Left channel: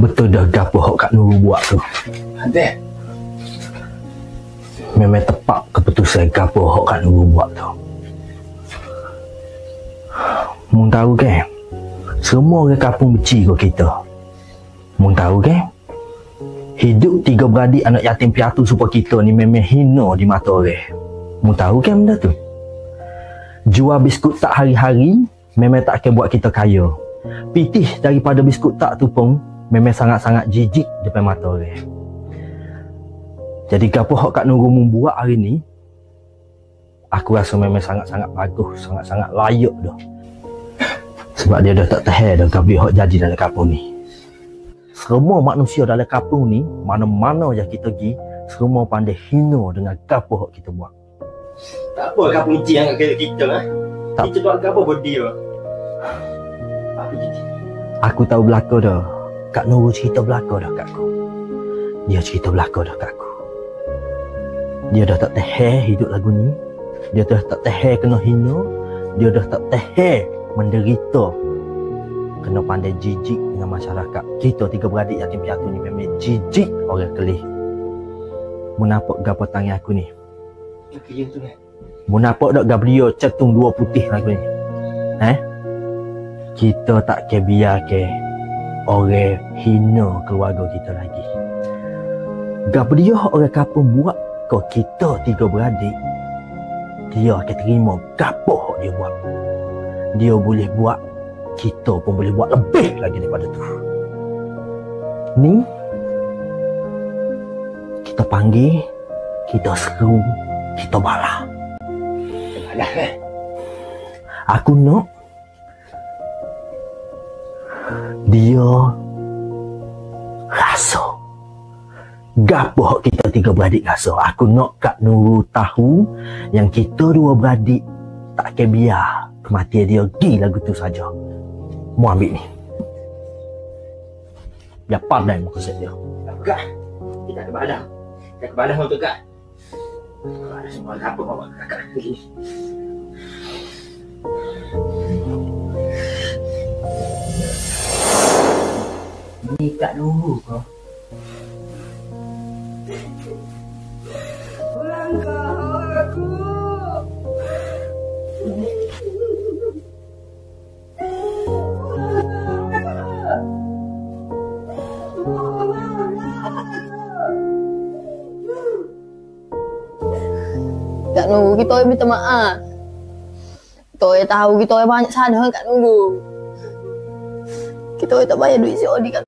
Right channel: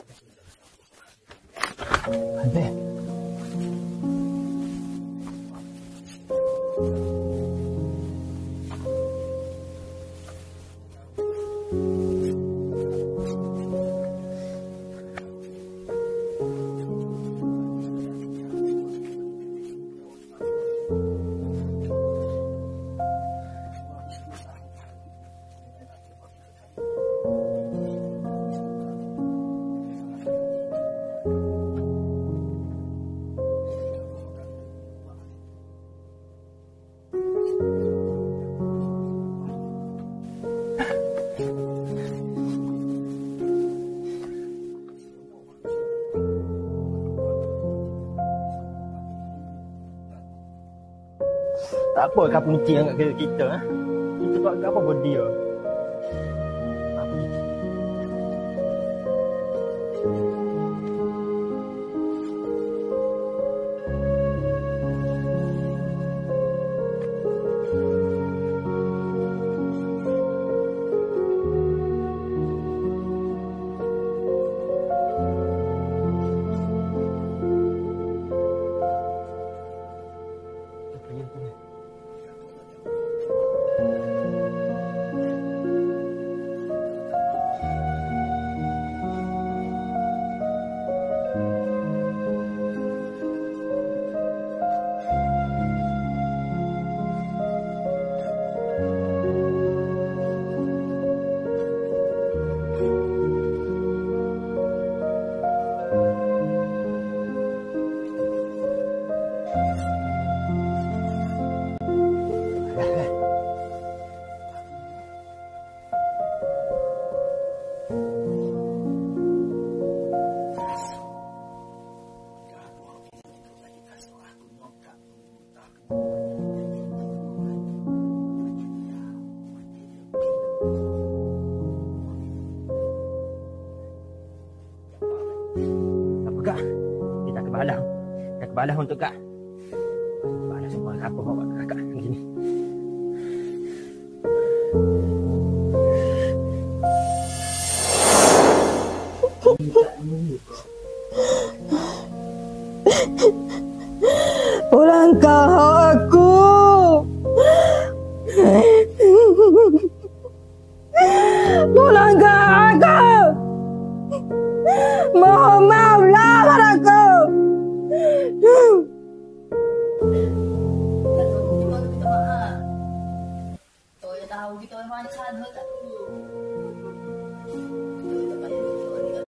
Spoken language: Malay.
Betul dah gapo hok Kak Nurul buat tu. Ada. Memang tepat keputusan gapo hok Kak Nurul buat tu. Mun tahu ke? Semua orang kampung benci kau kita. Mun tahu ke? Hidup tiga beradik anak yatim piatu supaya kita ni memang hina di mata orang. Mun tahu ke benda tu? Jual biskut tak hari-hari memang tak akan buat kita kaya. Pitih daripada biskut tak tu pun memang sangat-sangat jijik depan mata orang. Jadi gapo hak Kak Nurul membuat hari ni, aku rasa memang sangat-sangat bagus, sangat-sangat layak dah. Sebab dia dah tak tahan dah gapo hak jadi dalam kampung ni. Semua manusia dalam kampung ni, mana-mana yang kita pergi, semua pandai hina dengan gapo hak kita buat. Tak apa kampung ni yang kita Tak. Kita buat gapo buat dia. Aku tahu belaka dah. Kak Nurul cerita belaka dah kat aku. Dia cerita belaka dah kat aku. Dia dah tak tahan hidup lagu ni. Dia dah tak tahan kena hina. Dia dah tak tahan menderita. Kena pandai jijik dengan masyarakat. Kita tiga beradik yatim piatu ni memang jijik orang kelih. Menapok gapo tangan aku ni. Okey tu kan. Menapok dak Gabriel cetung dua putih lagu ni. Kita tak ke biar ke orang hina keluarga kita lagi. Gabriel orang kampung buat kau kita tiga beradik, dia akan terima gapo dia buat. Dia boleh buat, kita pun boleh buat lebih lagi daripada tu. Ni kita panggil, kita seru, kita balas. Aku nak dia rasa gapo hak kita tiga beradik rasa. Aku nak Kak Nurul tahu yang kita dua beradik tak akan biar kematian dia pergi lagu tu saja. Mu ambil ni. Biar pandai maksud dia. Kak, kita ada balang. Kita ada balang untuk Kak. Semua apa bawa Kakak ni. Ni Kak Nurul kau. Pulangkah aku. Pulangkah aku. Mohon maaflah padaku. Kak Nurul, kita orang minta maaf. Kita orang tahu kita orang banyak salah Kak Nurul. Kita orang tak bayar duit COD Kak